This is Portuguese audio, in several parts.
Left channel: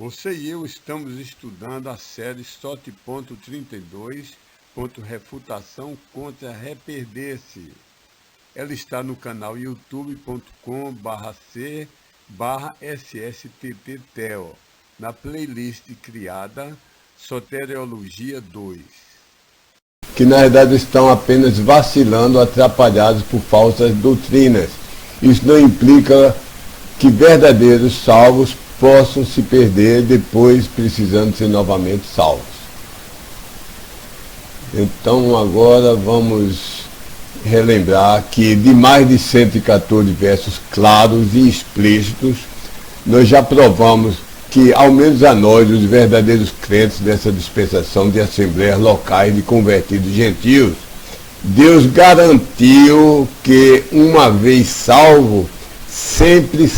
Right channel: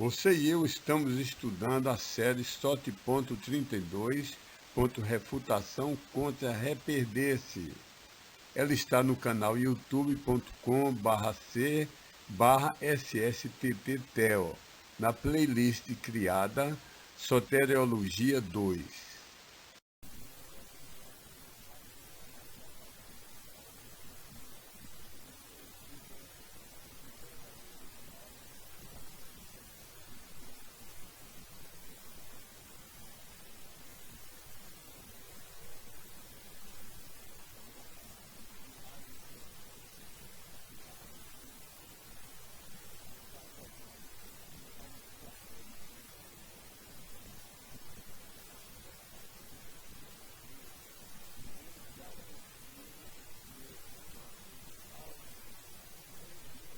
Você e eu estamos estudando a série SOT.32, Refutação contra Reperder-se. Ela está no canal youtube.com/c/SSTTTEO, na playlist criada Soteriologia 2. Que na verdade estão apenas vacilando, atrapalhados por falsas doutrinas. Isso não implica que verdadeiros salvos possam se perder depois precisando ser novamente salvos. Então agora vamos relembrar que de mais de 114 versos claros e explícitos, nós já provamos que, ao menos a nós, os verdadeiros crentes dessa dispensação de assembleias locais de convertidos gentios, Deus garantiu que, uma vez salvo, sempre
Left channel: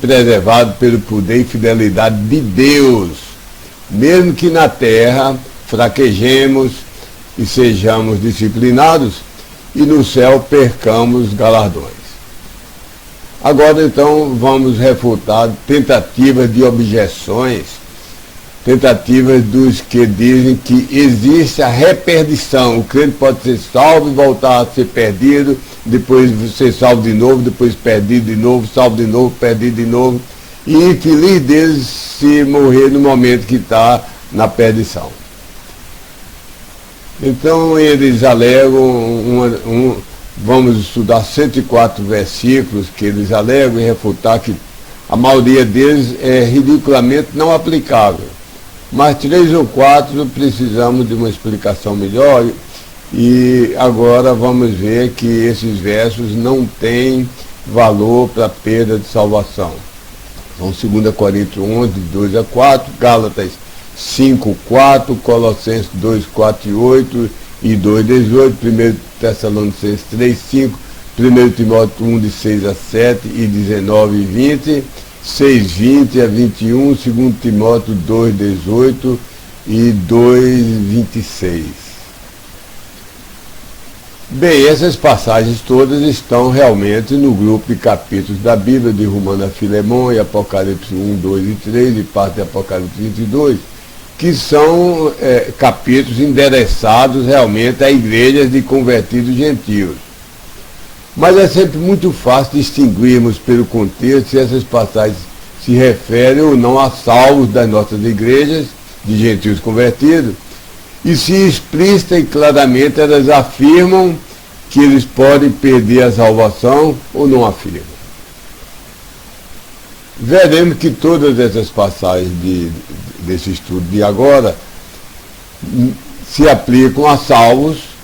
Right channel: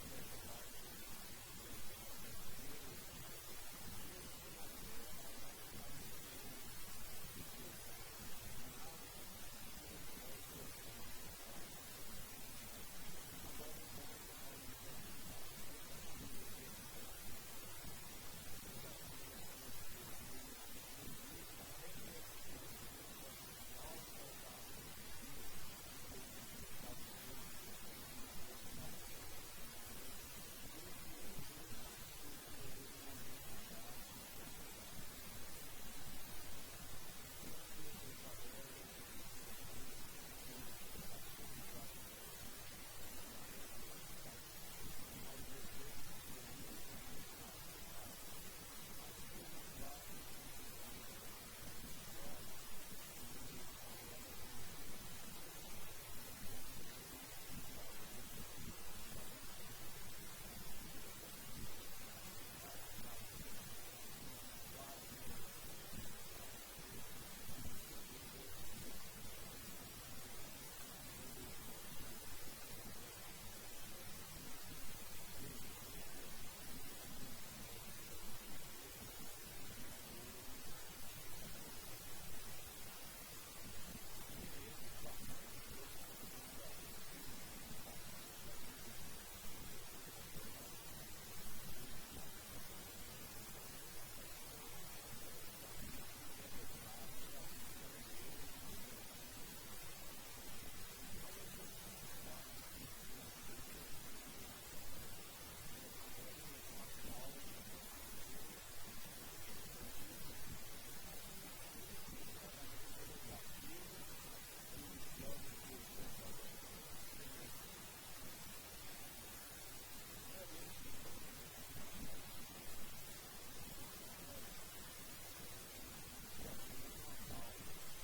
preservado pelo poder e fidelidade de Deus, mesmo que na terra fraquejemos e sejamos disciplinados, e no céu percamos galardões. Agora então vamos refutar tentativas de objeções, tentativas dos que dizem que existe a reperdição. O crente pode ser salvo e voltar a ser perdido, depois ser salvo de novo, depois perdido de novo, salvo de novo, perdido de novo. E infeliz deles se morrer no momento que está na perdição. Então eles alegam, vamos estudar 104 versículos que eles alegam e refutar que a maioria deles é ridiculamente não aplicável. Mas 3 ou 4 precisamos de uma explicação melhor, e agora vamos ver que esses versos não têm valor para perda de salvação. São 2 Coríntios 11, 2 a 4, Gálatas 5, 4, Colossenses 2, 4 e 8 e 2, 18, 1 Tessalonicenses 3, 5, 1 Timóteo 1, de 6 a 7 e 19 e 20, 6, 20 a 21, 2 Timóteo 2, 18 e 2, 26. Bem, essas passagens todas estão realmente no grupo de capítulos da Bíblia, de Romano a Filemão e Apocalipse 1, 2 e 3 e parte de Apocalipse 22, que são capítulos endereçados realmente a igrejas de convertidos gentios. Mas é sempre muito fácil distinguirmos pelo contexto se essas passagens se referem ou não a salvos das nossas igrejas de gentios convertidos, e se explícita e claramente elas afirmam que eles podem perder a salvação ou não afirmam. Veremos que todas essas passagens desse estudo de agora se aplicam a salvos,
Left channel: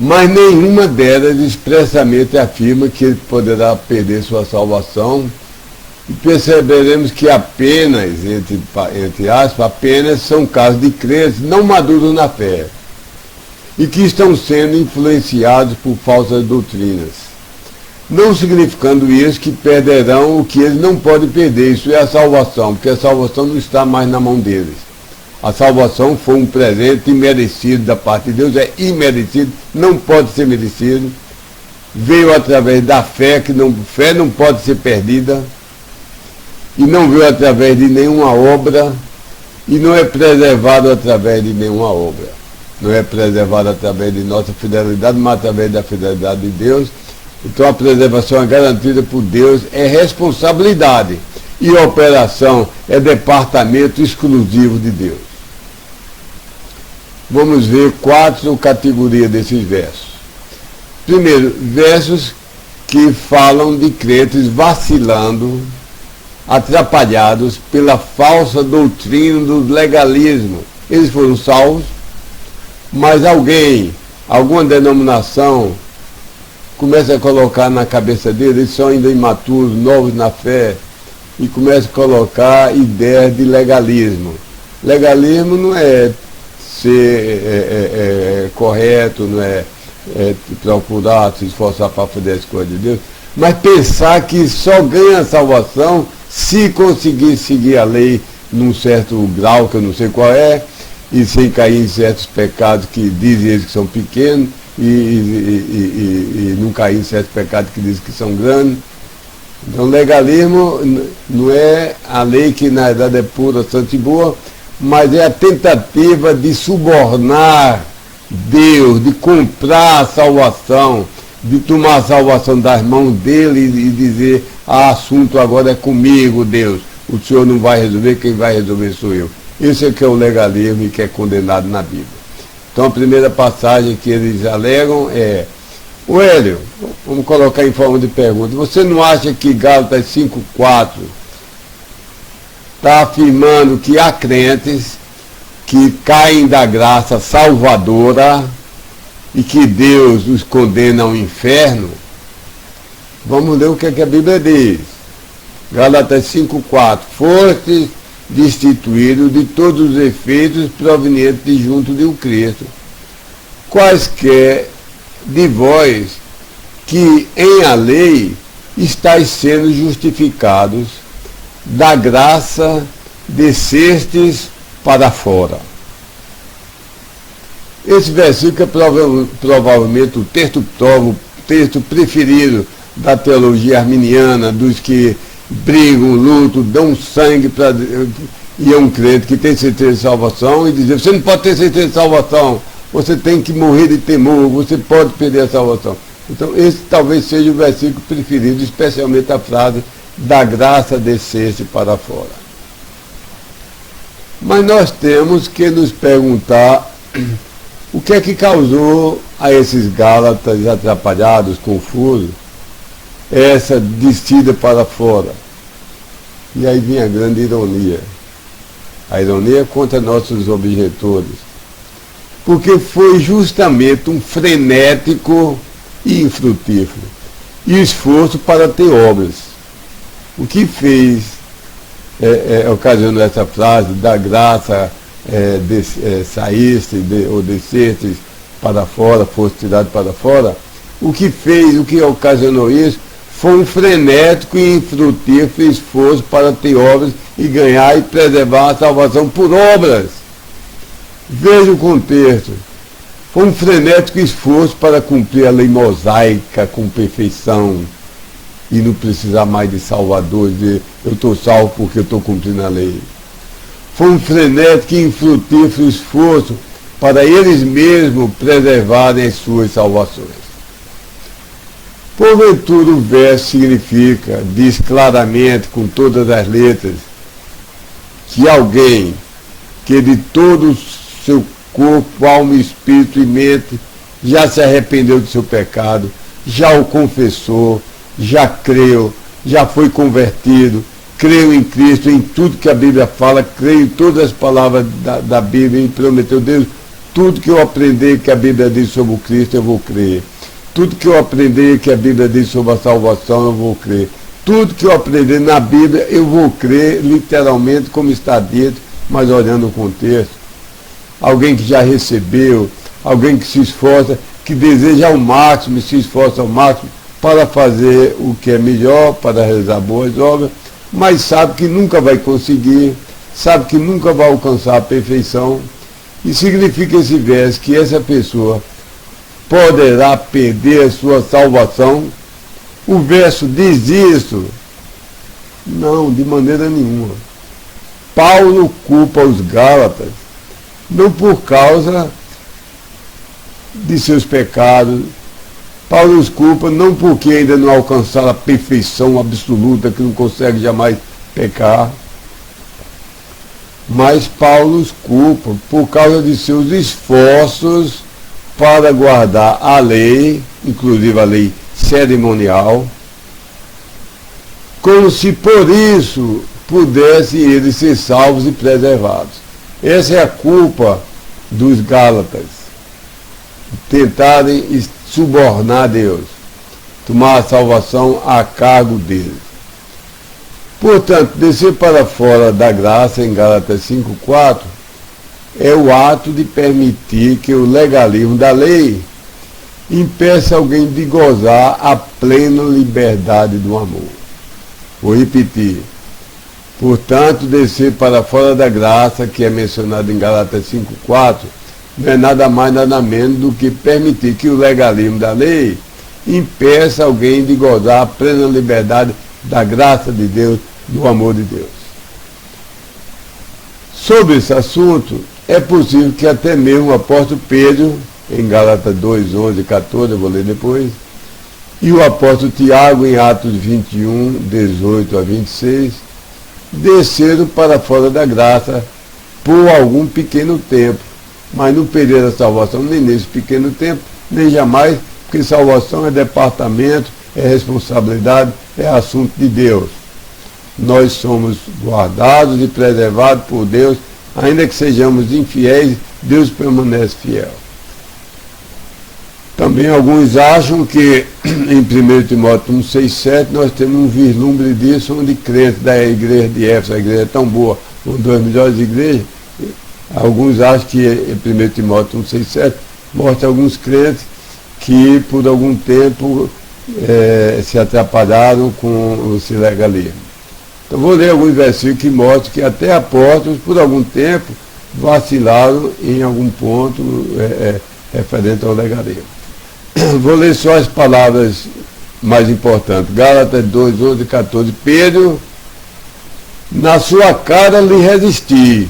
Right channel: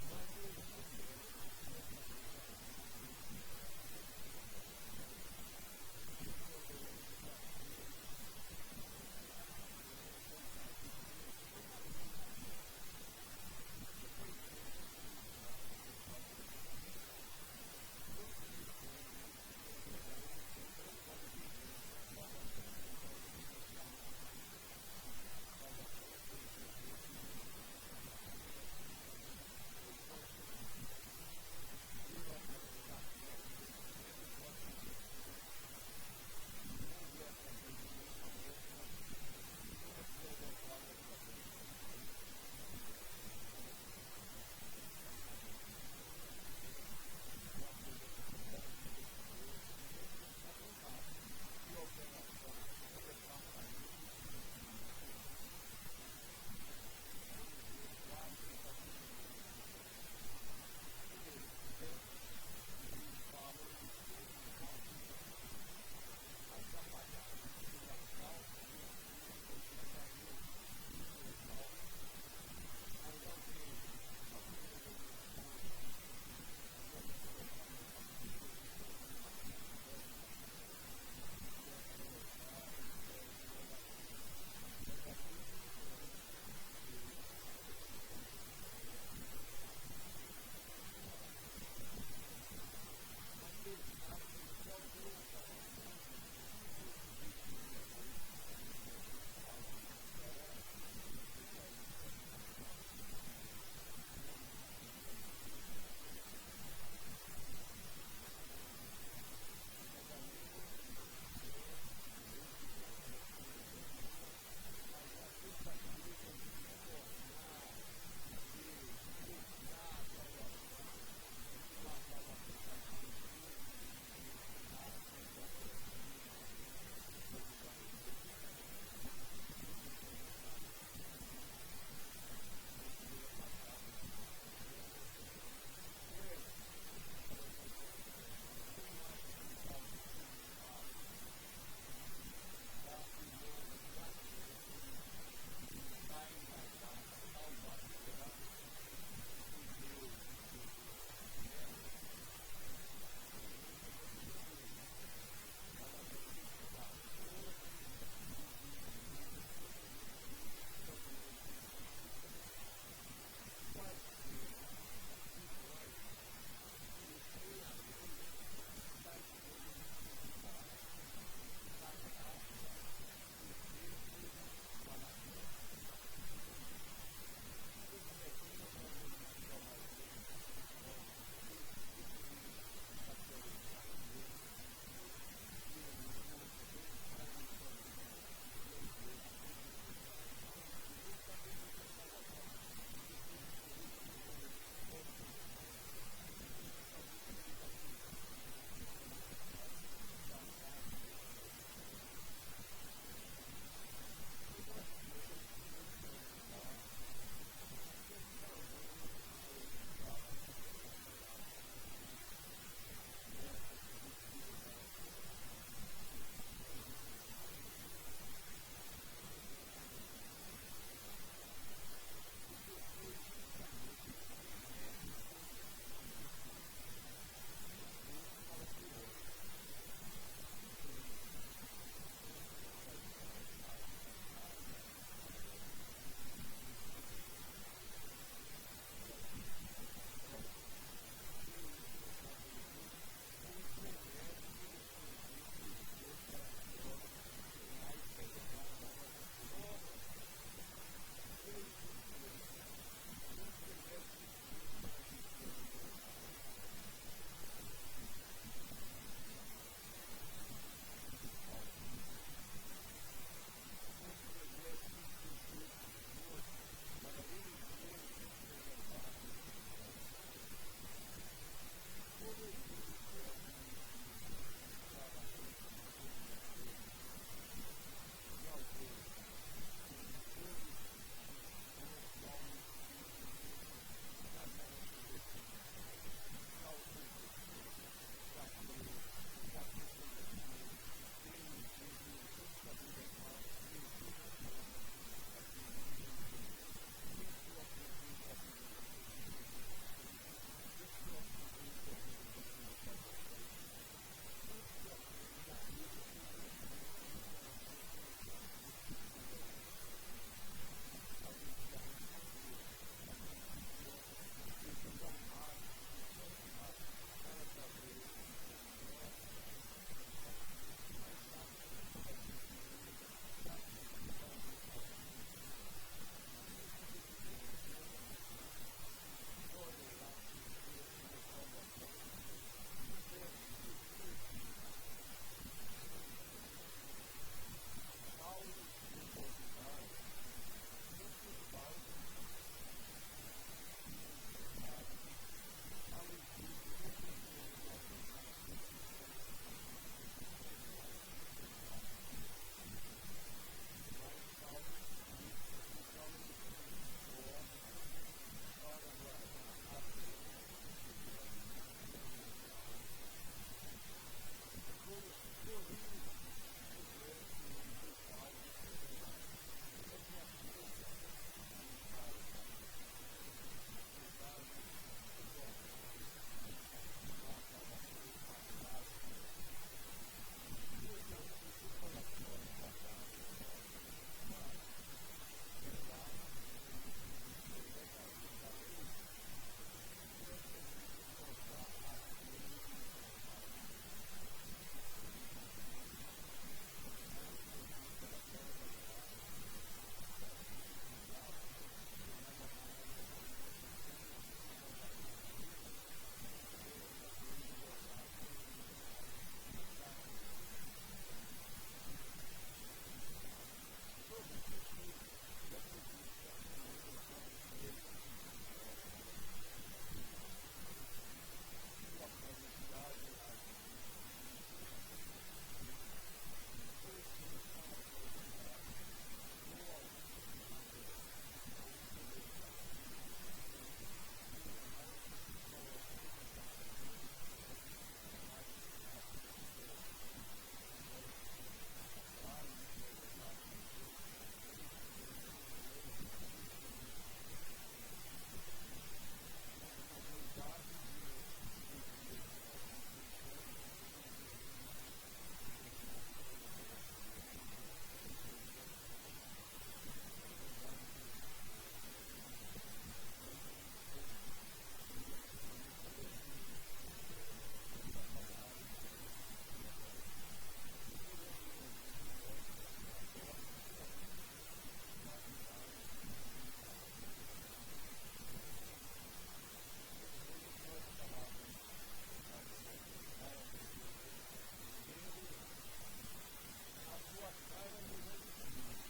mas nenhuma delas expressamente afirma que ele poderá perder sua salvação, e perceberemos que apenas, entre aspas, apenas são casos de crentes não maduros na fé, e que estão sendo influenciados por falsas doutrinas, não significando isso que perderão o que eles não podem perder, isso é a salvação, porque a salvação não está mais na mão deles. A salvação foi um presente imerecido da parte de Deus, é imerecido, não pode ser merecido. Veio através da fé, fé não pode ser perdida, e não veio através de nenhuma obra, e não é preservado através de nenhuma obra. Não é preservado através de nossa fidelidade, mas através da fidelidade de Deus. Então a preservação é garantida por Deus, é responsabilidade, e a operação é departamento exclusivo de Deus. Vamos ver 4 categorias desses versos. Primeiro, versos que falam de crentes vacilando, atrapalhados pela falsa doutrina do legalismo. Eles foram salvos, mas alguma denominação, começa a colocar na cabeça deles, eles são ainda imaturos, novos na fé, e começa a colocar ideias de legalismo. Legalismo não é ser correto, não é procurar se esforçar para fazer as coisas de Deus, mas pensar que só ganha a salvação se conseguir seguir a lei num certo grau, que eu não sei qual é, e sem cair em certos pecados que dizem eles que são pequenos, e não cair em certos pecados que dizem que são grandes. Então, legalismo não é a lei que na verdade é pura, santa e boa, mas é a tentativa de subornar Deus, de comprar a salvação, de tomar a salvação das mãos dele e dizer, assunto agora é comigo, Deus. O Senhor não vai resolver, quem vai resolver sou eu. Esse é que é o legalismo e que é condenado na Bíblia. Então a primeira passagem que eles alegam é: o Hélio, vamos colocar em forma de pergunta, você não acha que Gálatas 5,4 está afirmando que há crentes que caem da graça salvadora e que Deus os condena ao inferno? Vamos ler o que a Bíblia diz. Gálatas 5,4: Fostes destituídos de todos os efeitos provenientes de junto de um Cristo, quaisquer de vós que em a lei estáis sendo justificados, da graça descestes para fora. Esse versículo é provavelmente o texto preferido da teologia arminiana, dos que brigam, lutam, dão sangue para... E é um crente que tem certeza de salvação e dizer, você não pode ter certeza de salvação, você tem que morrer de temor, você pode perder a salvação. Então esse talvez seja o versículo preferido, especialmente a frase, da graça descer-se para fora. Mas nós temos que nos perguntar o que é que causou a esses Gálatas atrapalhados, confusos, essa descida para fora. E aí vem a grande ironia. A ironia contra nossos objetores. Porque foi justamente um frenético e infrutífero esforço para ter obras. O que fez, ocasionou essa frase, da graça saíste ou desceste para fora, fosse tirado para fora, o que ocasionou isso foi um frenético e infrutífero esforço para ter obras e ganhar e preservar a salvação por obras. Veja o contexto. Foi um frenético esforço para cumprir a lei mosaica com perfeição e não precisar mais de Salvador, dizer, eu estou salvo porque eu estou cumprindo a lei. Foi um frenético e infrutífero esforço para eles mesmos preservarem as suas salvações. Porventura o verso significa, diz claramente, com todas as letras, que alguém que de todo o seu corpo, alma, espírito e mente já se arrependeu do seu pecado, já o confessou, já creu, já foi convertido, creu em Cristo, em tudo que a Bíblia fala, creu em todas as palavras da Bíblia e prometeu, Deus, tudo que eu aprender que a Bíblia diz sobre o Cristo, eu vou crer. Tudo que eu aprender que a Bíblia diz sobre a salvação, eu vou crer. Tudo que eu aprender na Bíblia, eu vou crer, literalmente, como está dito, mas olhando o contexto. Alguém que já recebeu, alguém que se esforça, que deseja ao máximo e se esforça ao máximo para fazer o que é melhor, para realizar boas obras, mas sabe que nunca vai conseguir, sabe que nunca vai alcançar a perfeição. E significa esse verso que essa pessoa poderá perder a sua salvação? O verso diz isso? Não, de maneira nenhuma. Paulo culpa os Gálatas, não por causa de seus pecados. Paulo os culpa não porque ainda não alcançaram a perfeição absoluta, que não consegue jamais pecar. Mas Paulo os culpa por causa de seus esforços para guardar a lei, inclusive a lei cerimonial, como se por isso pudessem eles ser salvos e preservados. Essa é a culpa dos Gálatas, tentarem subornar Deus, tomar a salvação a cargo deles. Portanto, descer para fora da graça, em Gálatas 5,4, é o ato de permitir que o legalismo da lei impeça alguém de gozar a plena liberdade do amor. Vou repetir. Portanto, descer para fora da graça, que é mencionado em Gálatas 5,4, não é nada mais, nada menos do que permitir que o legalismo da lei impeça alguém de gozar a plena liberdade da graça de Deus, do amor de Deus. Sobre esse assunto, é possível que até mesmo o apóstolo Pedro, em Gálatas 2, 11 e 14, eu vou ler depois, e o apóstolo Tiago, em Atos 21, 18 a 26, desceram para fora da graça por algum pequeno tempo, mas no período da salvação, nem nesse pequeno tempo, nem jamais, porque salvação é departamento, é responsabilidade, é assunto de Deus. Nós somos guardados e preservados por Deus, ainda que sejamos infiéis, Deus permanece fiel. Também alguns acham que em 1 Timóteo 1, 6, 7 nós temos um vislumbre disso, onde crentes da igreja de Éfeso, a igreja é tão boa, uma das melhores igrejas. Alguns acham que em 1 Timóteo 1, 6, 7 mostra alguns crentes que por algum tempo se atrapalharam com esse legalismo. Então vou ler alguns versículos que mostram que até apóstolos por algum tempo vacilaram em algum ponto referente ao legalismo. Vou ler só as palavras mais importantes. Gálatas 2, 11 e 14. Pedro, na sua cara lhe resisti,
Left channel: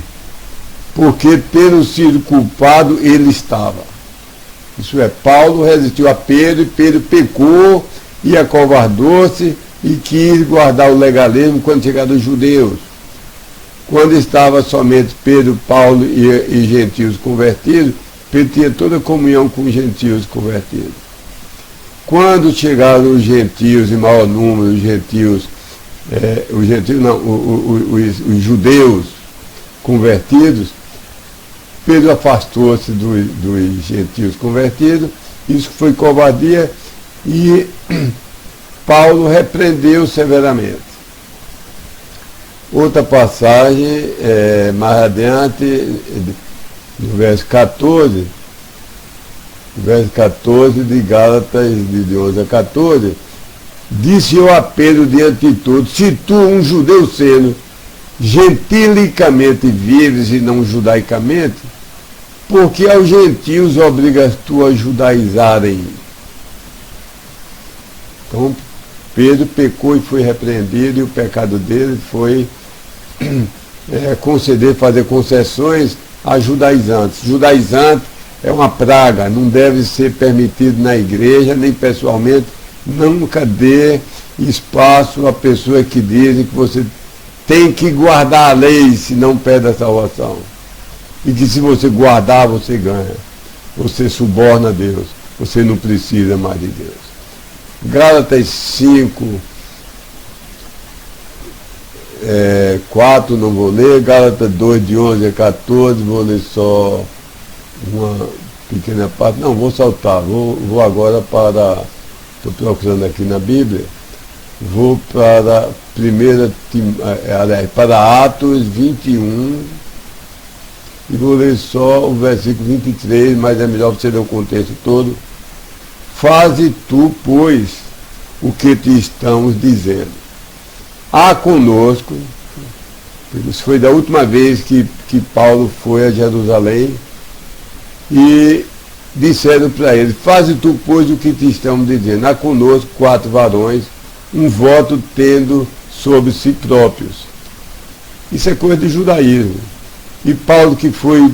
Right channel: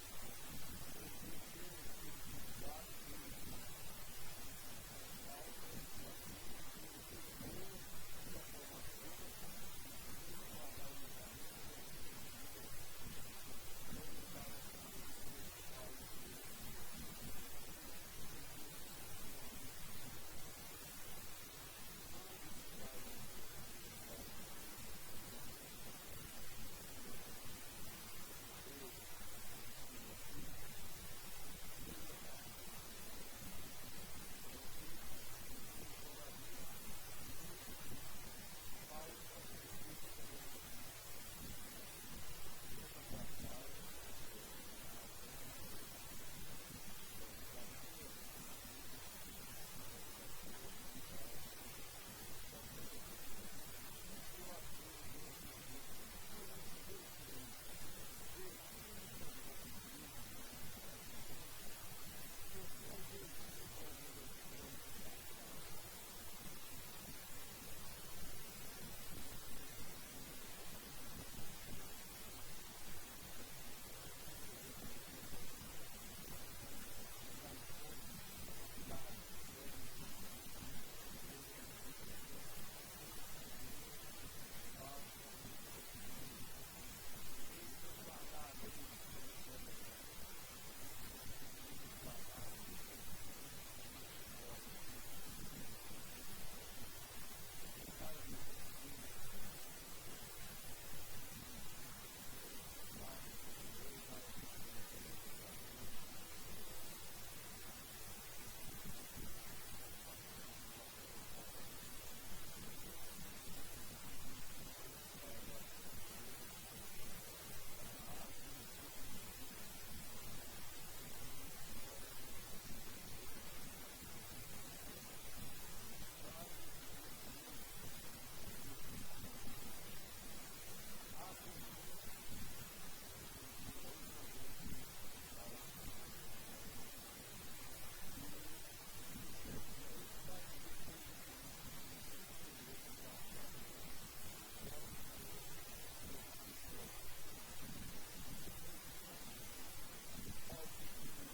porque tendo sido culpado ele estava. Isso é, Paulo resistiu a Pedro, e Pedro pecou e acovardou-se e quis guardar o legalismo quando chegaram os judeus. Quando estava somente Pedro, Paulo e gentios convertidos, Pedro tinha toda a comunhão com os gentios convertidos. Quando chegaram os gentios, em maior número, os judeus convertidos, Pedro afastou-se dos gentios convertidos, isso foi covardia e Paulo repreendeu severamente. Outra passagem, mais adiante, no verso 14 de Gálatas, de 11 a 14, disse eu a Pedro diante de todos, se tu, um judeu sendo, gentilicamente vives e não judaicamente, porque aos gentios obrigas tu a judaizarem. Então, Pedro pecou e foi repreendido, e o pecado dele foi fazer concessões a judaizantes. Judaizante é uma praga, não deve ser permitido na igreja, nem pessoalmente. Nunca dê espaço a pessoas que dizem que você tem que guardar a lei, senão perde a salvação. E que se você guardar, você ganha. Você suborna a Deus. Você não precisa mais de Deus. Gálatas 5, 4 não vou ler, Gálatas 2, de 11 a 14, vou ler só uma pequena parte. Não, vou saltar, vou agora para, estou procurando aqui na Bíblia, vou para para Atos 21, e vou ler só o versículo 23, mas é melhor você ler o contexto todo. Faze tu, pois, o que te estamos dizendo. Há conosco, isso foi da última vez que Paulo foi a Jerusalém, e disseram para ele, faze tu, pois, o que te estamos dizendo. Há conosco 4 varões, um voto tendo sobre si próprios. Isso é coisa de judaísmo. E Paulo, que foi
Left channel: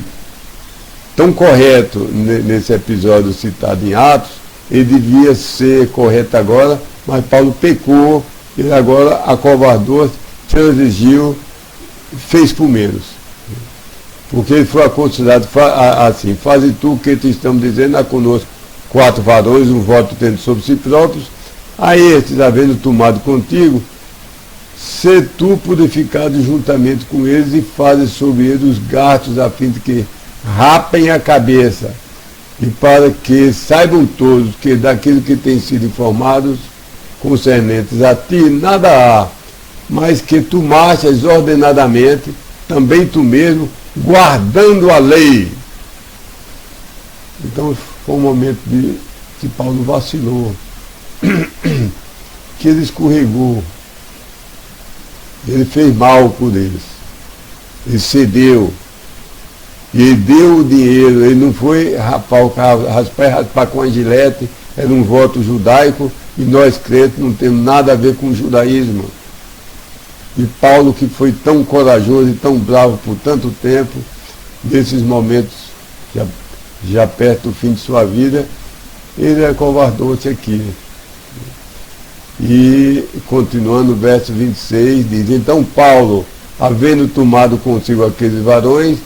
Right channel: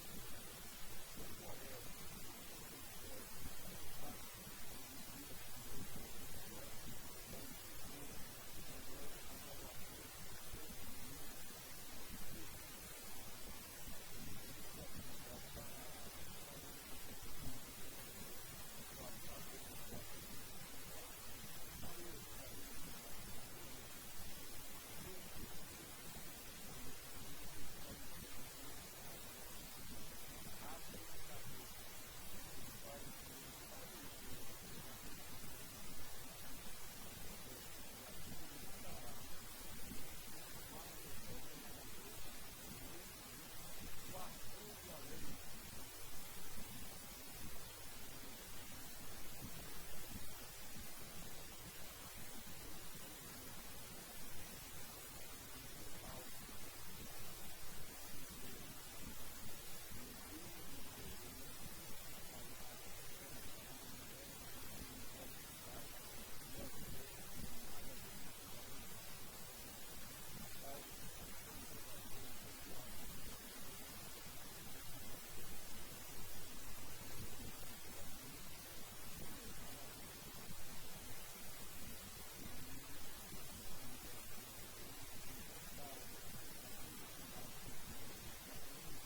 tão correto nesse episódio citado em Atos, ele devia ser correto agora, mas Paulo pecou, ele agora acovardou-se, transigiu, fez por menos. Porque ele foi considerado assim, faze tu o que te estamos dizendo, há conosco 4 varões, um voto tendo sobre si próprios, a estes, havendo tomado contigo, se tu purificado juntamente com eles e fazes sobre eles os gastos a fim de que rapem a cabeça, e para que saibam todos que daquilo que têm sido informados concernentes a ti, nada há, mas que tu marchas ordenadamente, também tu mesmo, guardando a lei. Então foi um momento que Paulo vacilou, que ele escorregou, ele fez mal por eles, ele cedeu, e ele deu o dinheiro, ele não foi raspar com a gilete, era um voto judaico, E nós crentes não temos nada a ver com o judaísmo. E Paulo, que foi tão corajoso e tão bravo por tanto tempo, nesses momentos, já perto do fim de sua vida, ele acovardou-se aqui. E, continuando o verso 26, diz: então Paulo, havendo tomado consigo aqueles varões,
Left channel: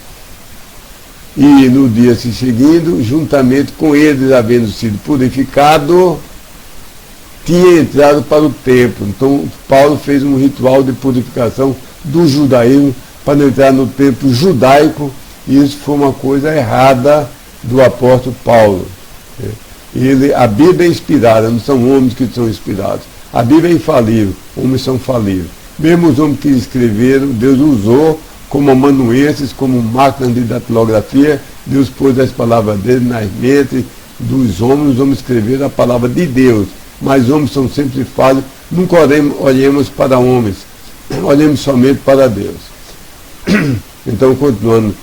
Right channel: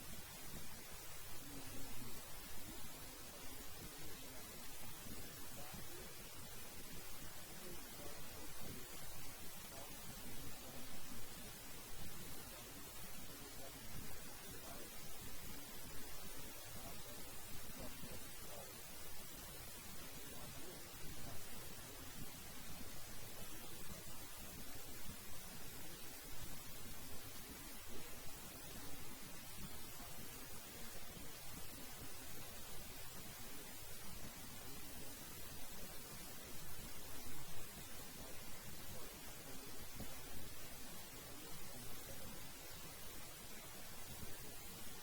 e no dia se seguindo, juntamente com eles, havendo sido purificado, tinha entrado para o templo. Então Paulo fez um ritual de purificação do judaísmo para entrar no templo judaico, e isso foi uma coisa errada do apóstolo Paulo. A Bíblia é inspirada, não são homens que são inspirados. A Bíblia é infalível, homens são falíveis. Mesmo os homens que escreveram, Deus usou como amanuenses, como máquinas de datilografia. Deus pôs as palavras dele nas mentes dos homens, os homens escreveram a palavra de Deus. Mas homens são sempre falhos, nunca olhemos para homens, olhemos somente para Deus. Então, continuando,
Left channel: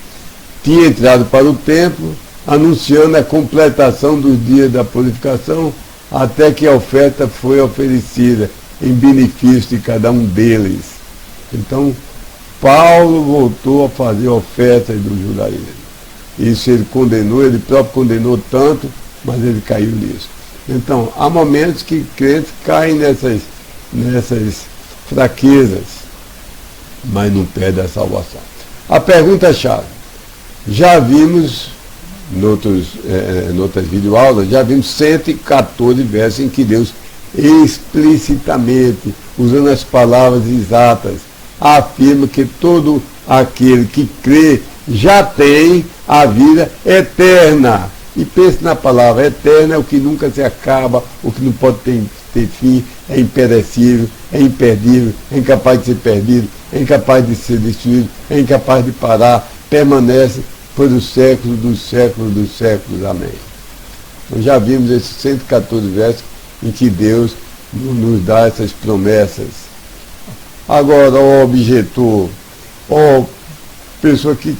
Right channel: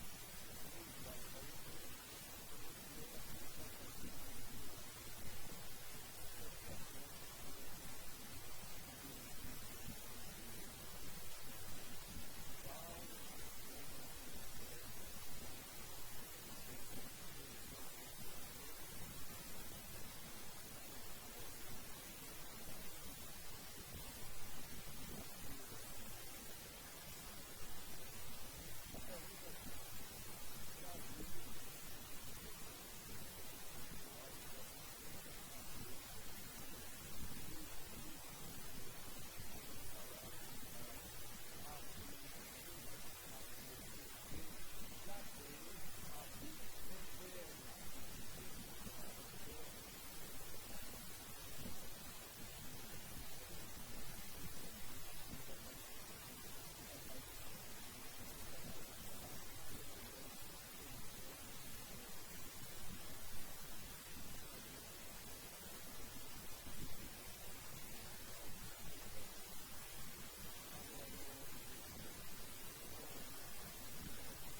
tinha entrado para o templo, anunciando a completação dos dias da purificação, até que a oferta foi oferecida em benefício de cada um deles. Então, Paulo voltou a fazer ofertas do judaísmo. Isso ele condenou, ele próprio condenou tanto, mas ele caiu nisso. Então, há momentos que crentes caem nessas fraquezas, mas não perdem a salvação. A pergunta-chave: já vimos, em outras videoaulas, já vimos 114 versos em que Deus explicitamente, usando as palavras exatas, afirma que todo aquele que crê já tem a vida eterna. E pense na palavra eterna, é o que nunca se acaba, o que não pode ter fim, é imperecível, é imperdível, é incapaz de ser perdido, é incapaz de ser destruído, é incapaz de parar, permanece por os séculos dos séculos dos séculos. Amém. Então já vimos esses 114 versos em que Deus nos dá essas promessas. Agora, ó objetor, ó pessoa que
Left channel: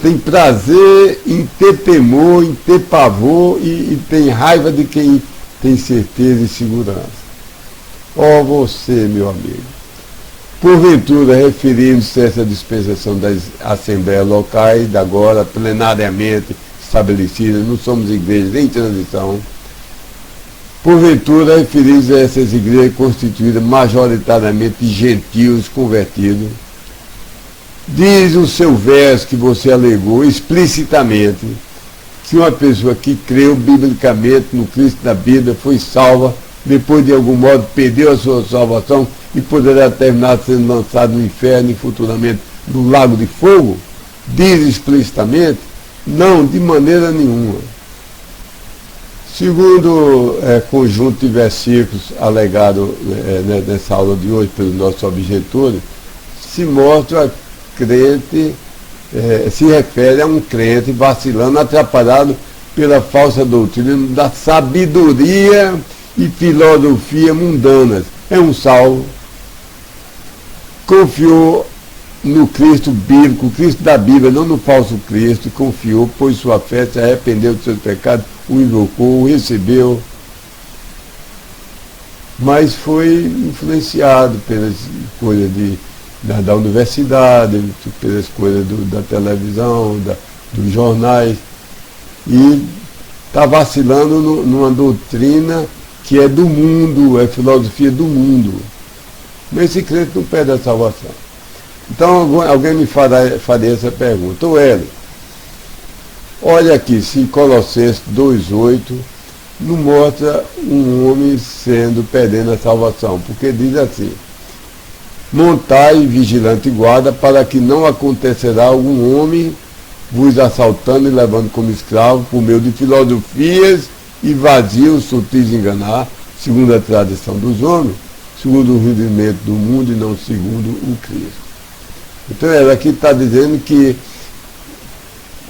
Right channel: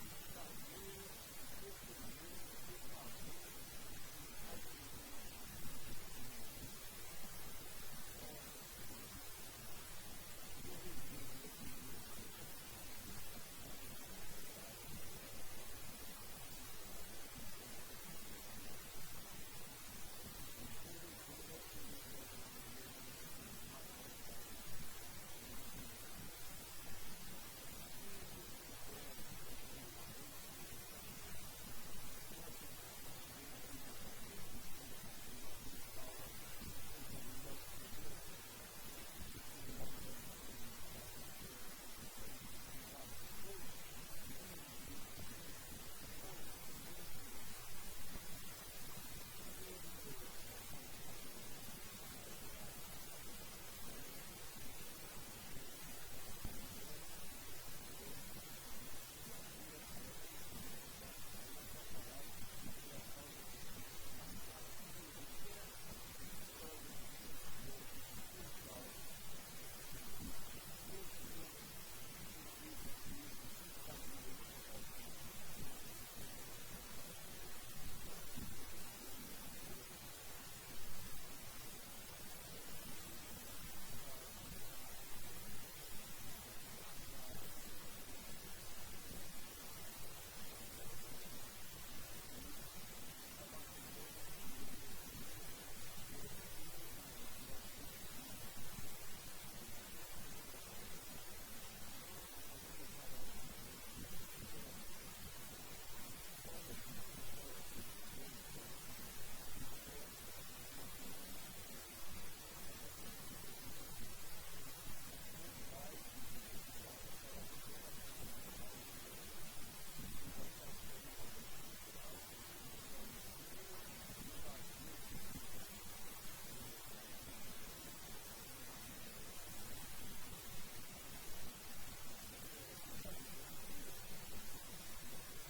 tem prazer em ter temor, em ter pavor e tem raiva de quem tem certeza e segurança. Ó você, meu amigo, porventura, referindo-se a essa dispensação das assembleias locais, da agora plenariamente estabelecidas, não somos igrejas em transição, porventura, referindo-se a essas igrejas constituídas majoritariamente de gentios convertidos, diz o seu verso que você alegou explicitamente que uma pessoa que creu biblicamente no Cristo da Bíblia foi salva, depois de algum modo perdeu a sua salvação e poderá terminar sendo lançado no inferno e futuramente no lago de fogo? Diz explicitamente? Não, de maneira nenhuma. Segundo conjunto de versículos alegado nessa aula de hoje pelos nossos objetores, se mostra crente, se refere a um crente vacilando, atrapalhado pela falsa doutrina da sabedoria e filosofia mundanas. É um salvo, confiou no Cristo bíblico, o Cristo da Bíblia, não no falso Cristo, confiou, pôs sua fé, se arrependeu dos seus pecados, o invocou, o recebeu, mas foi influenciado pelas coisas da universidade, pelas coisas da televisão, dos jornais, e está vacilando numa doutrina que é do mundo, é filosofia do mundo. Mas esse crente não perde a salvação. Então alguém me faria essa pergunta: ô Hélio, olha aqui, se Colossenses 2,8 não mostra um homem perdendo a salvação, porque diz assim: montai vigilante guarda, para que não acontecerá algum homem vos assaltando e levando como escravo por meio de filosofias e vazios sutis de enganar, segundo a tradição dos homens, segundo o rudimento do mundo e não segundo o Cristo. Então ela aqui está dizendo que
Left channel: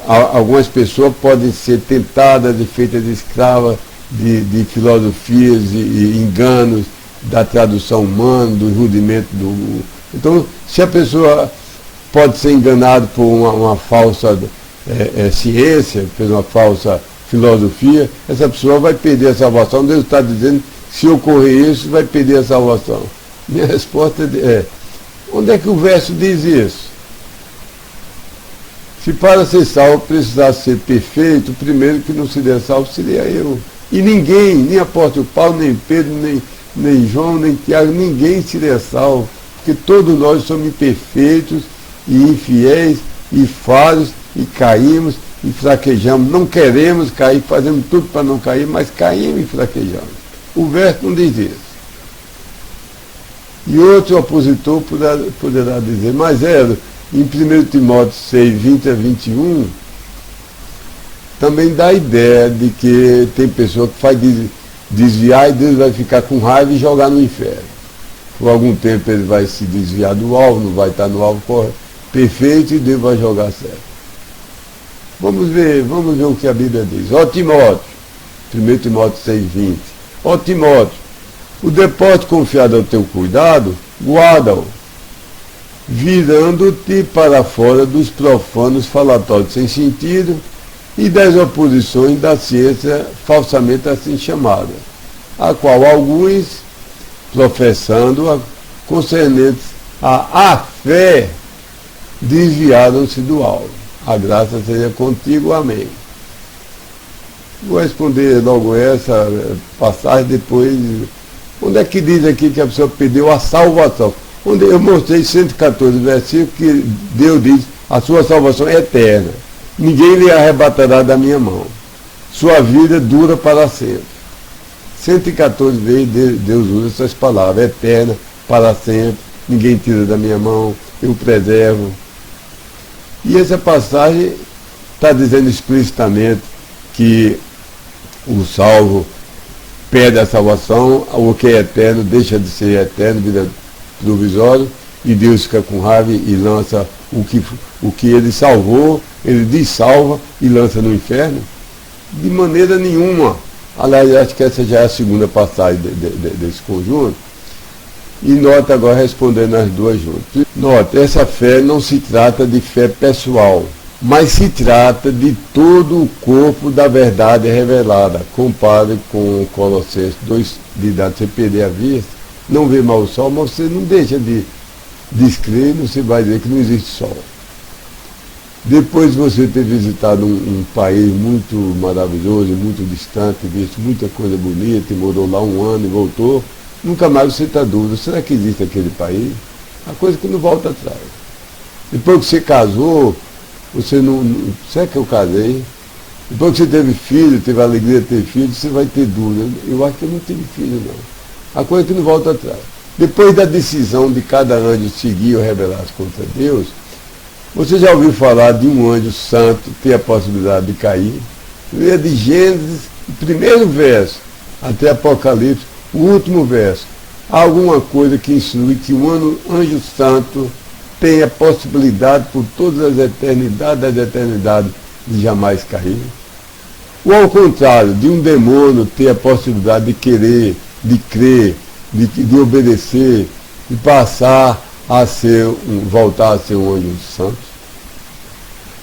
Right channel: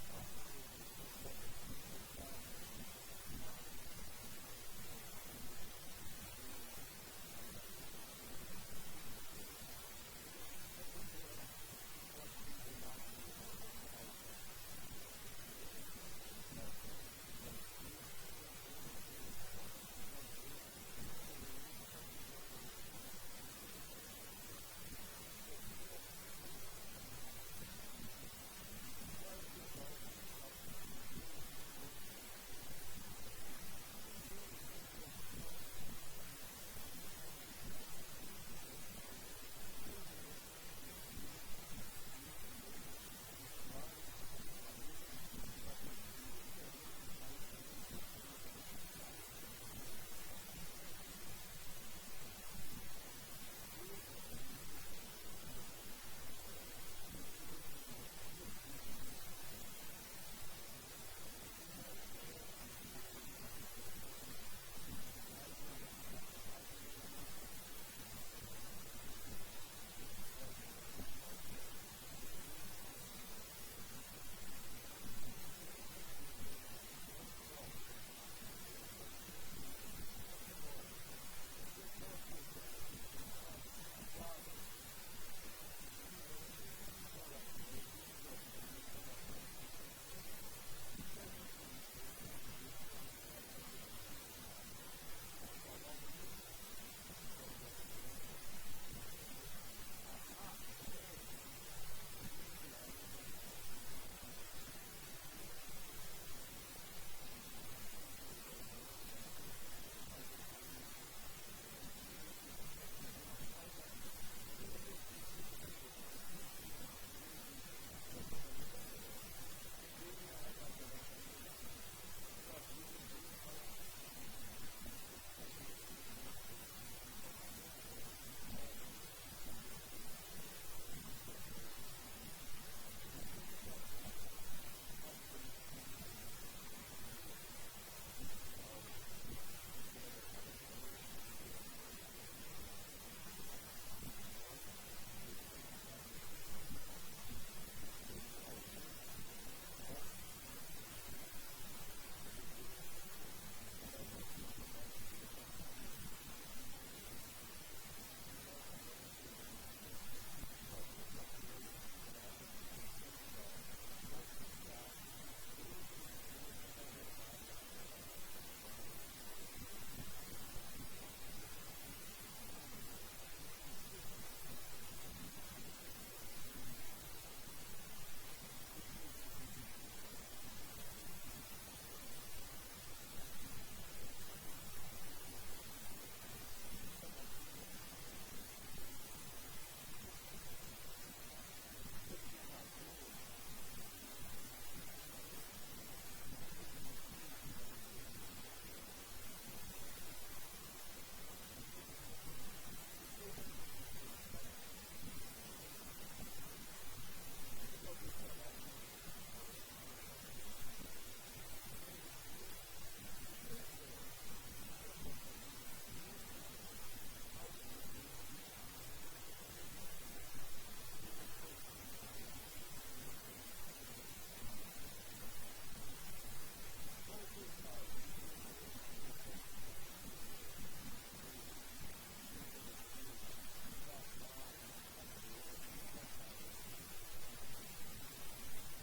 algumas pessoas podem ser tentadas e feitas de escravas de filosofias e enganos da tradução humana, do rudimento do... Então, se a pessoa pode ser enganada por uma falsa ciência, por uma falsa filosofia, essa pessoa vai perder a salvação. Deus está dizendo que se ocorrer isso, vai perder a salvação? Minha resposta é, onde é que o verso diz isso? Se para ser salvo precisasse ser perfeito, o primeiro que não seria salvo seria eu. E ninguém, nem apóstolo Paulo, nem Pedro, nem João, nem Tiago, ninguém seria salvo, porque todos nós somos imperfeitos e infiéis e falhos e caímos e fraquejamos. Não queremos cair, fazemos tudo para não cair, mas caímos e fraquejamos. O verso não diz isso. E outro opositor poderá dizer, mas em 1 Timóteo 6, 20 a 21, também dá a ideia de que tem pessoa que faz desviar e Deus vai ficar com raiva e jogar no inferno. Por algum tempo ele vai se desviar do alvo, não vai estar no alvo perfeito e Deus vai jogar certo. Vamos ver o que a Bíblia diz. Ó Timóteo, 1 Timóteo 6, 20. Ó Timóteo, o depósito confiado ao teu cuidado, guarda-o, virando-te para fora dos profanos falatórios sem sentido e das oposições da ciência falsamente assim chamada, a qual alguns, professando-a concernentes à fé, desviaram-se do alvo. A graça seja contigo, amém. Vou responder logo essa passagem depois. Onde é que diz aqui que a pessoa perdeu a salvação? Onde eu mostrei 114 versículos que Deus diz, a sua salvação é eterna. Ninguém lhe arrebatará da minha mão. Sua vida dura para sempre. 114 vezes Deus usa essas palavras, eterna, para sempre, ninguém tira da minha mão, eu preservo. E essa passagem está dizendo explicitamente que o salvo perde a salvação, o que é eterno deixa de ser eterno, vida provisória, e Deus fica com raiva e lança o que ele salvou, ele dissalva e lança no inferno? De maneira nenhuma. Aliás, acho que essa já é a segunda passagem desse conjunto. E nota agora respondendo as duas juntas. Nota, essa fé não se trata de fé pessoal, mas se trata de todo o corpo da verdade revelada. Compare com Colossenses 2, de dar você perder a vista, não vê mal o sol, mas você não deixa de descrer, você vai dizer que não existe sol. Depois de você ter visitado um país muito maravilhoso, muito distante, visto muita coisa bonita, e morou lá um ano e voltou, nunca mais você está dúvida, será que existe aquele país? A coisa que não volta atrás. Depois que você casou, você não. Será que eu casei? Depois que você teve filho, teve a alegria de ter filho, você vai ter dúvida. Eu acho que eu não tive filho, não. A coisa que não volta atrás. Depois da decisão de cada anjo seguir ou rebelar-se contra Deus, você já ouviu falar de um anjo santo ter a possibilidade de cair? Leia de Gênesis, o primeiro verso, até Apocalipse, o último verso. Há alguma coisa que insinue que um anjo santo tem a possibilidade por todas as eternidades das eternidades de jamais cair? Ou ao contrário, de um demônio ter a possibilidade de querer, de crer, de obedecer, de passar a ser, voltar a ser um anjo santo?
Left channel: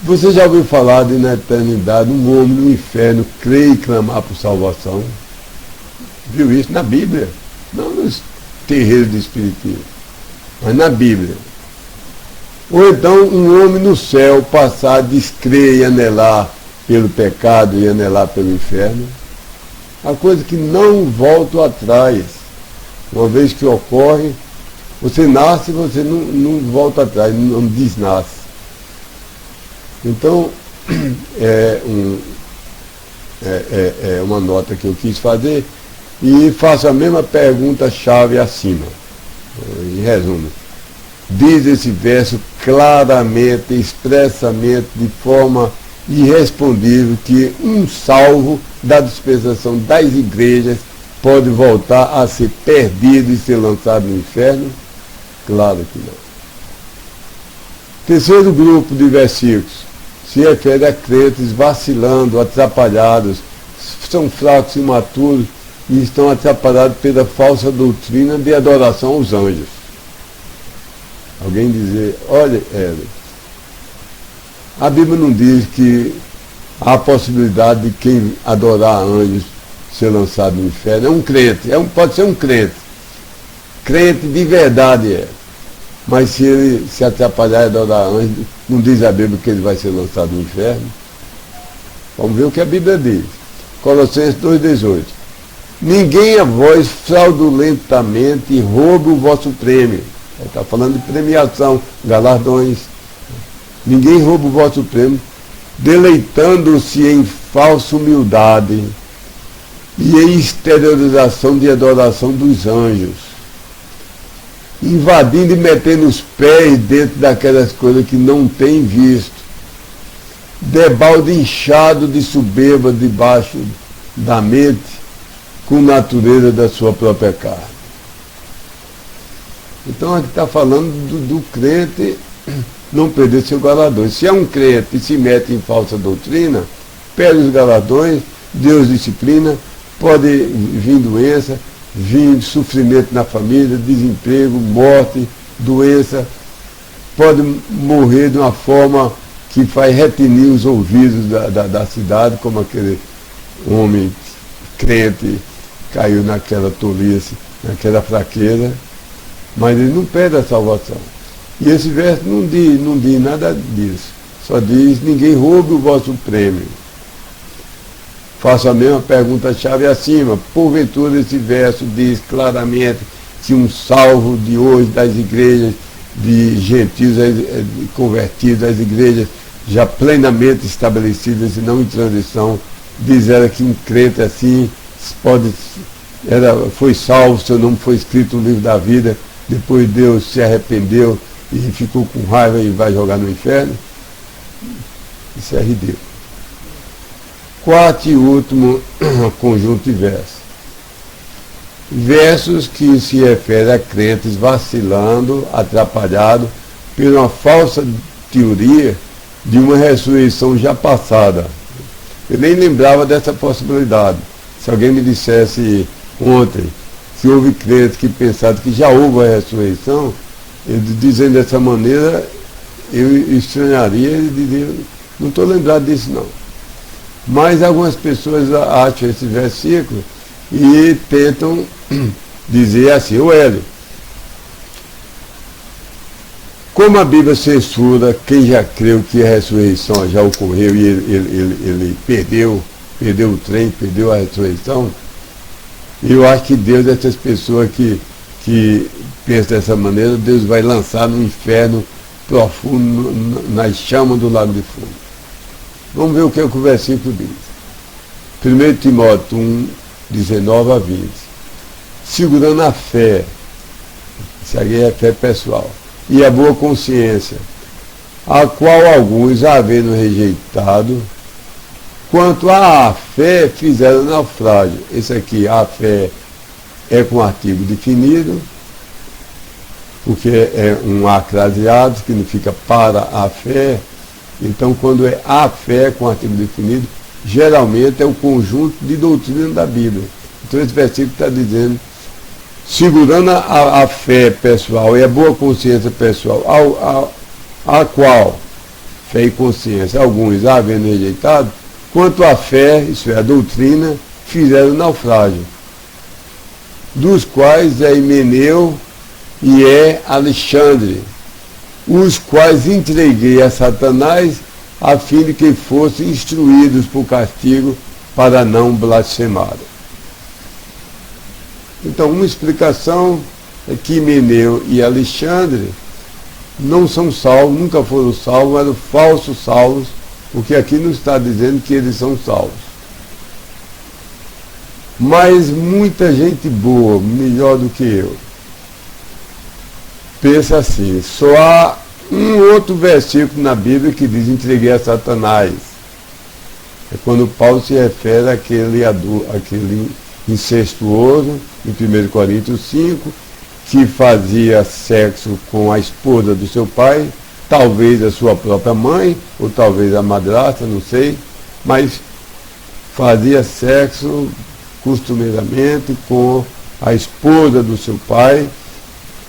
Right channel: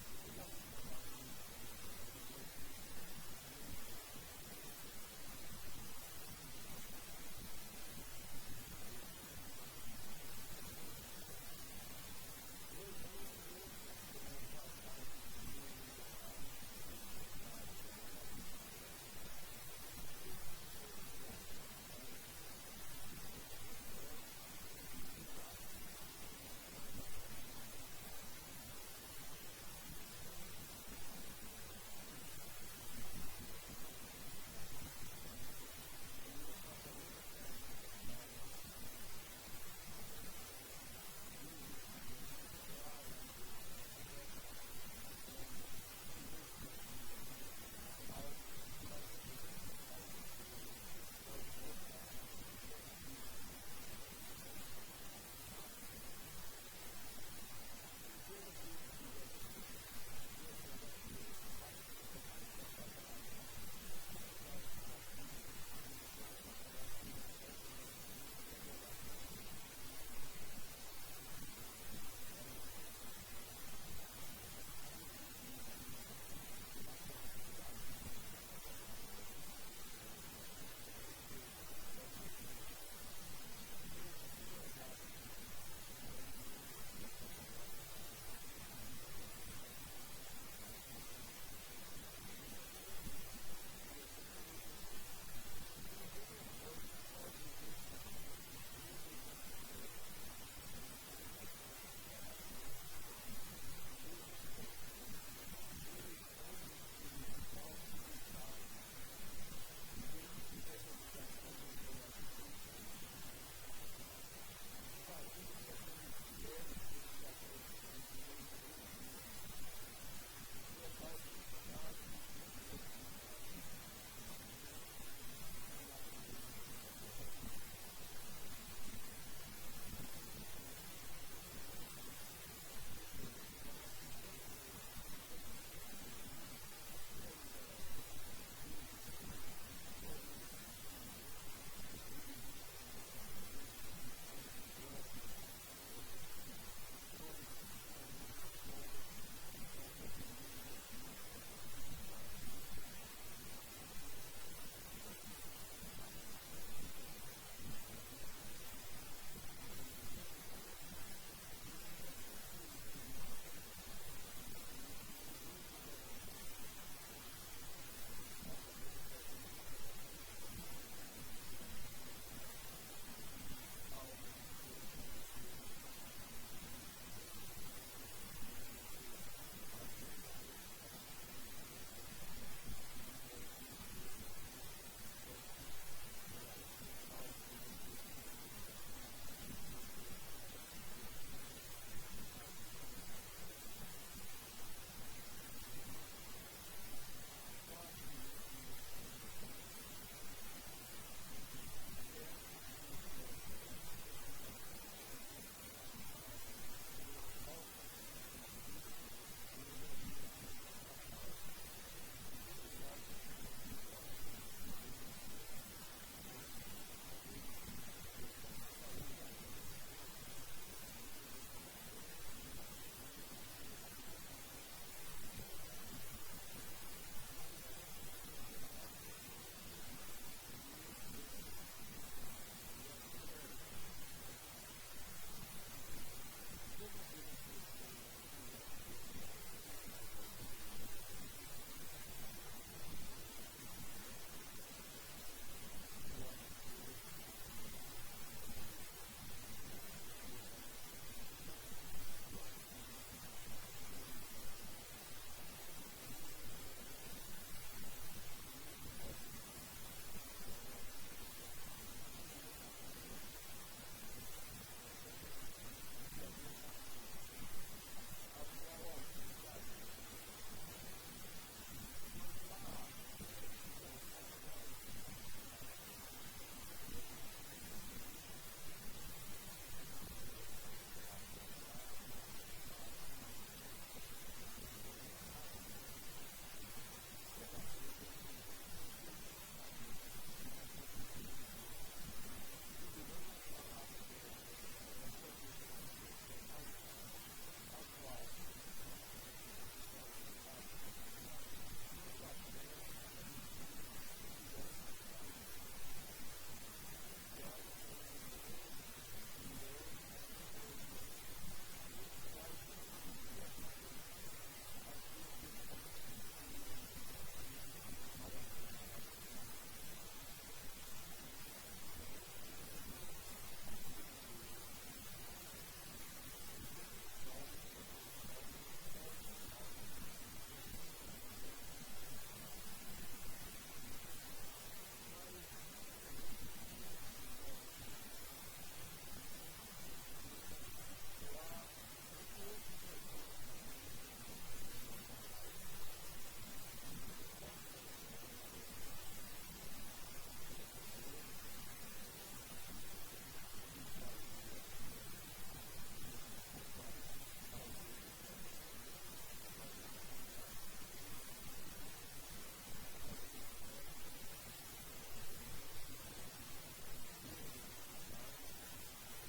Você já ouviu falar de na eternidade um homem no inferno crer e clamar por salvação? Viu isso na Bíblia? Não nos terreiros de espiritismo, mas na Bíblia. Ou então um homem no céu passar a descrer e anelar pelo pecado e anelar pelo inferno. A coisa que não volta atrás. Uma vez que ocorre, você nasce e você não volta atrás, não desnasce. Então, é uma nota que eu quis fazer e faço a mesma pergunta-chave acima. Em resumo, diz esse verso claramente, expressamente, de forma irrespondível, que um salvo da dispensação das igrejas pode voltar a ser perdido e ser lançado no inferno? Claro que não. Terceiro grupo de versículos se refere a crentes vacilando, atrapalhados, são fracos, imaturos e estão atrapalhados pela falsa doutrina de adoração aos anjos. Alguém dizer, olha, a Bíblia não diz que há a possibilidade de quem adorar anjos ser lançado no inferno. É um crente, pode ser um crente. Crente de verdade é. Mas se ele se atrapalhar e adorar anjo, não diz a Bíblia que ele vai ser lançado no inferno? Vamos ver o que a Bíblia diz. Colossenses 2,18. Ninguém a vós fraudulentamente roube o vosso prêmio. Ele está falando de premiação, galardões. Ninguém rouba o vosso prêmio, deleitando-se em falsa humildade e em exteriorização de adoração dos anjos, invadindo e metendo os pés dentro daquelas coisas que não tem visto, debalde inchado de soberba debaixo da mente, com natureza da sua própria carne. Então aqui está falando do crente não perder seu galardão. Se é um crente e se mete em falsa doutrina, perde os galardões, Deus disciplina, pode vir doença, vir sofrimento na família, desemprego, morte, doença, pode morrer de uma forma que faz retinir os ouvidos da cidade, como aquele homem crente caiu naquela tolice, naquela fraqueza, mas ele não perde a salvação. E esse verso não diz nada disso. Só diz, ninguém roube o vosso prêmio. Faço a mesma pergunta-chave acima. Porventura esse verso diz claramente que um salvo de hoje das igrejas, de gentios convertidos, das igrejas já plenamente estabelecidas e não em transição, diz ela que um crente assim foi salvo, seu nome foi escrito no livro da vida, depois Deus se arrependeu e ficou com raiva e vai jogar no inferno? Isso é ridículo. Quarto e último conjunto de versos. Versos que se referem a crentes vacilando, atrapalhados por uma falsa teoria de uma ressurreição já passada. Eu nem lembrava dessa possibilidade. Se alguém me dissesse ontem que houve crentes que pensaram que já houve a ressurreição, ele dizendo dessa maneira, eu estranharia e diria, não estou lembrado disso não. Mas algumas pessoas acham esse versículo e tentam dizer assim, o Hélio, como a Bíblia censura quem já creu que a ressurreição já ocorreu e ele perdeu o trem, perdeu a ressurreição, eu acho que Deus, essas pessoas que pensam dessa maneira, Deus vai lançar no inferno profundo, nas chamas do lago de fogo. Vamos ver o que o versículo diz. 1 Timóteo 1, 19 a 20. Segurando a fé, isso aqui é fé pessoal, e a boa consciência, a qual alguns, havendo rejeitado, quanto à fé, fizeram naufrágio. Esse aqui, a fé, é com artigo definido, porque é um acraseado, significa para a fé. Então, quando é a fé com artigo definido, geralmente é o conjunto de doutrina da Bíblia. Então, esse versículo está dizendo, segurando a fé pessoal e a boa consciência pessoal, a qual, fé e consciência, alguns havendo rejeitado, quanto à fé, isso é, a doutrina, fizeram naufrágio, dos quais é Himeneu e é Alexandre, os quais entreguei a Satanás, a fim de que fossem instruídos por castigo para não blasfemarem. Então, uma explicação é que Himeneu e Alexandre não são salvos, nunca foram salvos, eram falsos salvos, porque aqui não está dizendo que eles são salvos. Mas muita gente boa, melhor do que eu, pensa assim, só há um outro versículo na Bíblia que diz, entreguei a Satanás. É quando Paulo se refere àquele incestuoso, em 1 Coríntios 5, que fazia sexo com a esposa do seu pai, talvez a sua própria mãe, ou talvez a madrasta, não sei, mas fazia sexo costumeiramente com a esposa do seu pai,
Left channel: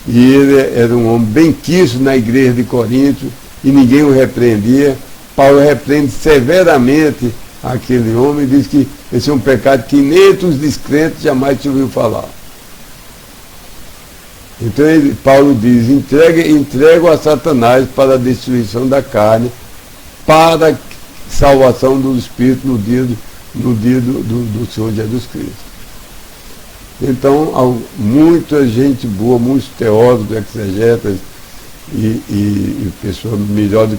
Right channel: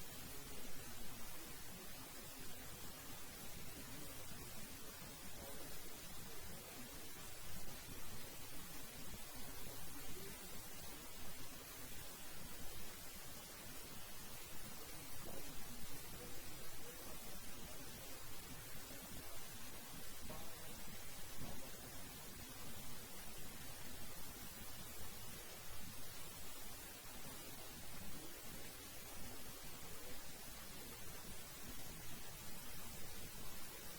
e ele era um homem bem quisto na igreja de Corinto, e ninguém o repreendia. Paulo repreende severamente aquele homem, diz que esse é um pecado que nem entre os descrentes jamais se ouviu falar. Então Paulo diz, entrego a Satanás para a destruição da carne, para a salvação do Espírito no dia do Senhor Jesus Cristo. Então, muita gente boa, muitos teólogos, exegetas e pessoas melhores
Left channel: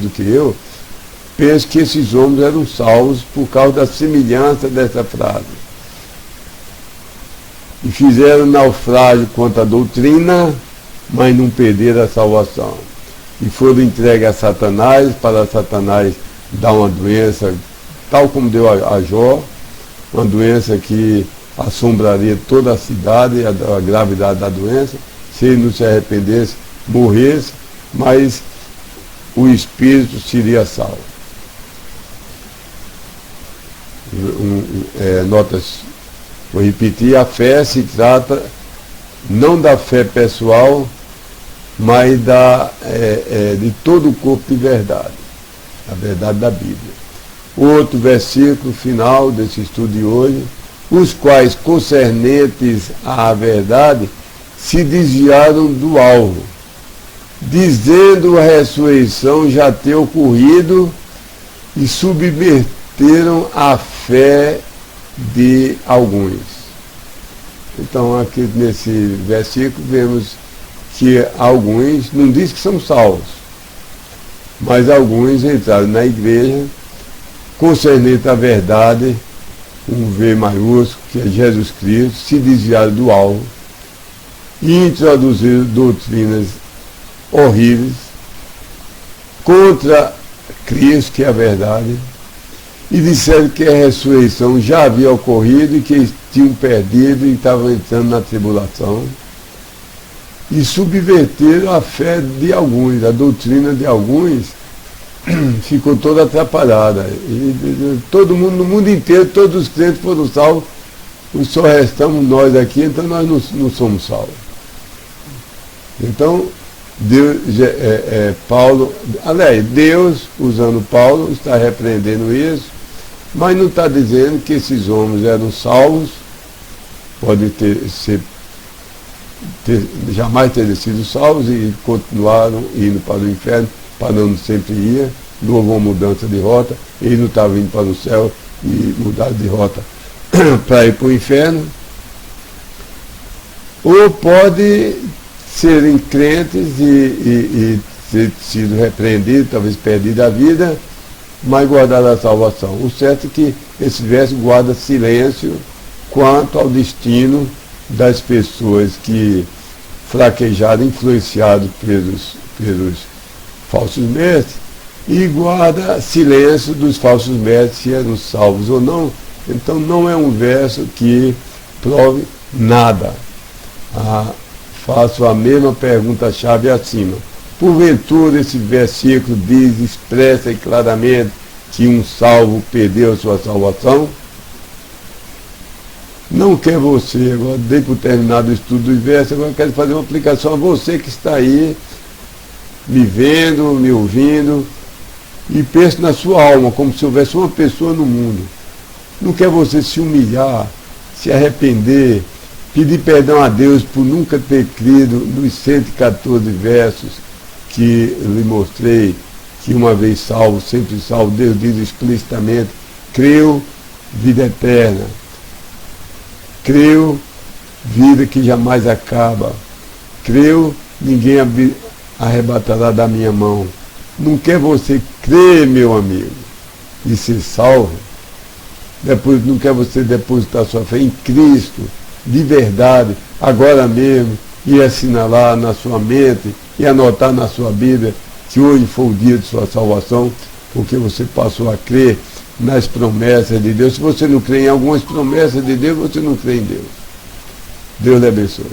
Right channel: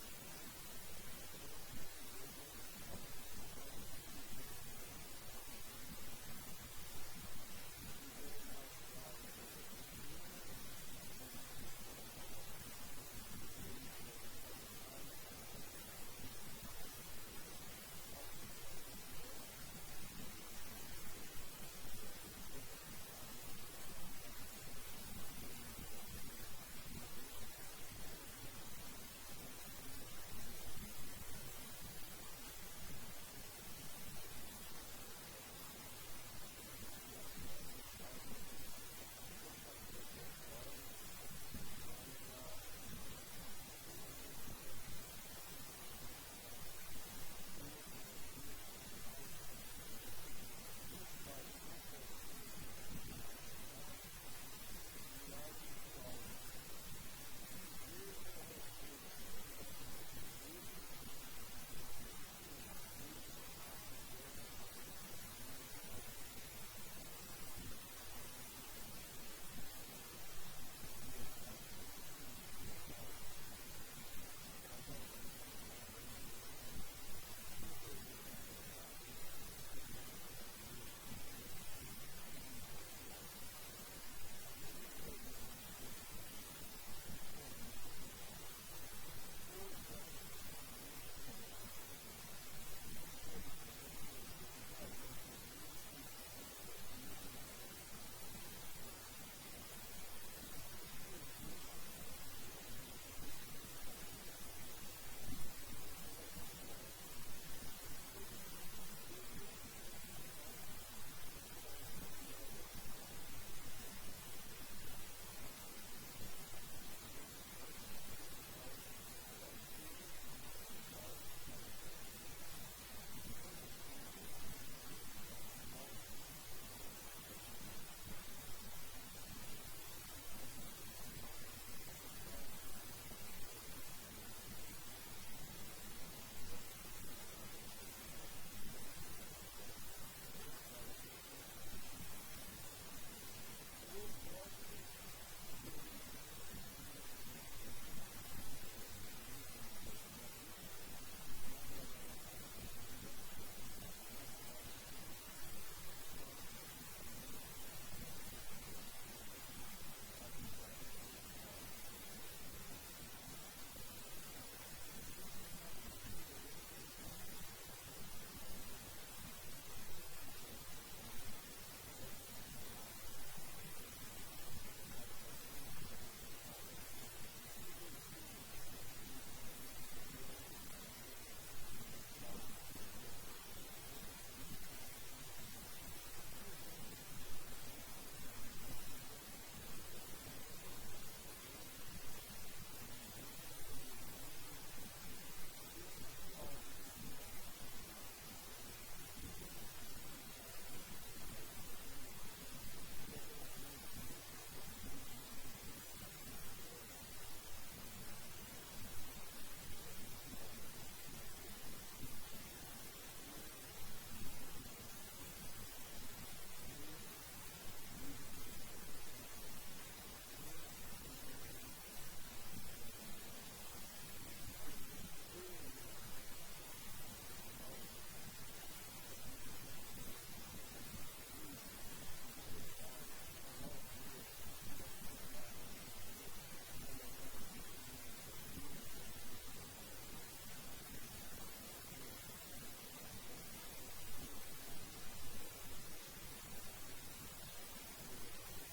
do que eu, pensam que esses homens eram salvos por causa da semelhança dessa frase. E fizeram naufrágio contra a doutrina, mas não perderam a salvação. E foram entregues a Satanás, para Satanás dar uma doença, tal como deu a Jó, uma doença que assombraria toda a cidade, a gravidade da doença, se ele não se arrependesse, morresse, mas o espírito seria salvo. Notas, vou repetir, a fé se trata não da fé pessoal, mas de todo o corpo de verdade, a verdade da Bíblia. Outro versículo final desse estudo de hoje, os quais, concernentes à verdade, se desviaram do alvo, dizendo a ressurreição já ter ocorrido, e subverteram a fé de alguns. Então, aqui nesse versículo, vemos que alguns, não diz que são salvos, mas alguns entraram na igreja, concernente à verdade, um V maiúsculo, que é Jesus Cristo, se desviaram do alvo e introduziram doutrinas horríveis contra Cristo, que é a verdade, e disseram que a ressurreição já havia ocorrido e que eles tinham perdido e estavam entrando na tribulação, e subverteram a fé de alguns, a doutrina de alguns ficou toda atrapalhada. E todo mundo, no mundo inteiro, todos os crentes foram salvos, só restamos nós aqui, então nós não somos salvos. Então, Deus, usando Paulo, está repreendendo isso, mas não está dizendo que esses homens eram salvos, podem jamais terem sido salvos e continuaram indo para o inferno, para onde sempre ia, não houve uma mudança de rota, eles não estavam indo para o céu e mudaram de rota para ir para o inferno. Ou pode serem crentes e ter sido repreendidos, talvez perdido a vida, mas guardar a salvação. O certo é que esse verso guarda silêncio quanto ao destino das pessoas que fraquejaram, influenciados pelos falsos mestres, e guarda silêncio dos falsos mestres se eram salvos ou não. Então não é um verso que prove nada. Faço a mesma pergunta-chave acima. Porventura esse versículo diz expressa e claramente que um salvo perdeu a sua salvação? Não quer você, agora dei por terminado o estudo do verso, agora quero fazer uma aplicação a você que está aí, me vendo, me ouvindo, e pense na sua alma, como se houvesse uma pessoa no mundo. Não quer você se humilhar, se arrepender, pedir perdão a Deus por nunca ter crido nos 114 versos que lhe mostrei, que uma vez salvo, sempre salvo. Deus diz explicitamente, creu, vida eterna. Creu, vida que jamais acaba. Creu, ninguém arrebatará da minha mão. Não quer você crer, meu amigo, e ser salvo? Depois, não quer você depositar sua fé em Cristo, de verdade, agora mesmo, e assinalar na sua mente, e anotar na sua Bíblia, que hoje foi o dia de sua salvação, porque você passou a crer nas promessas de Deus. Se você não crê em algumas promessas de Deus, você não crê em Deus. Deus lhe abençoe.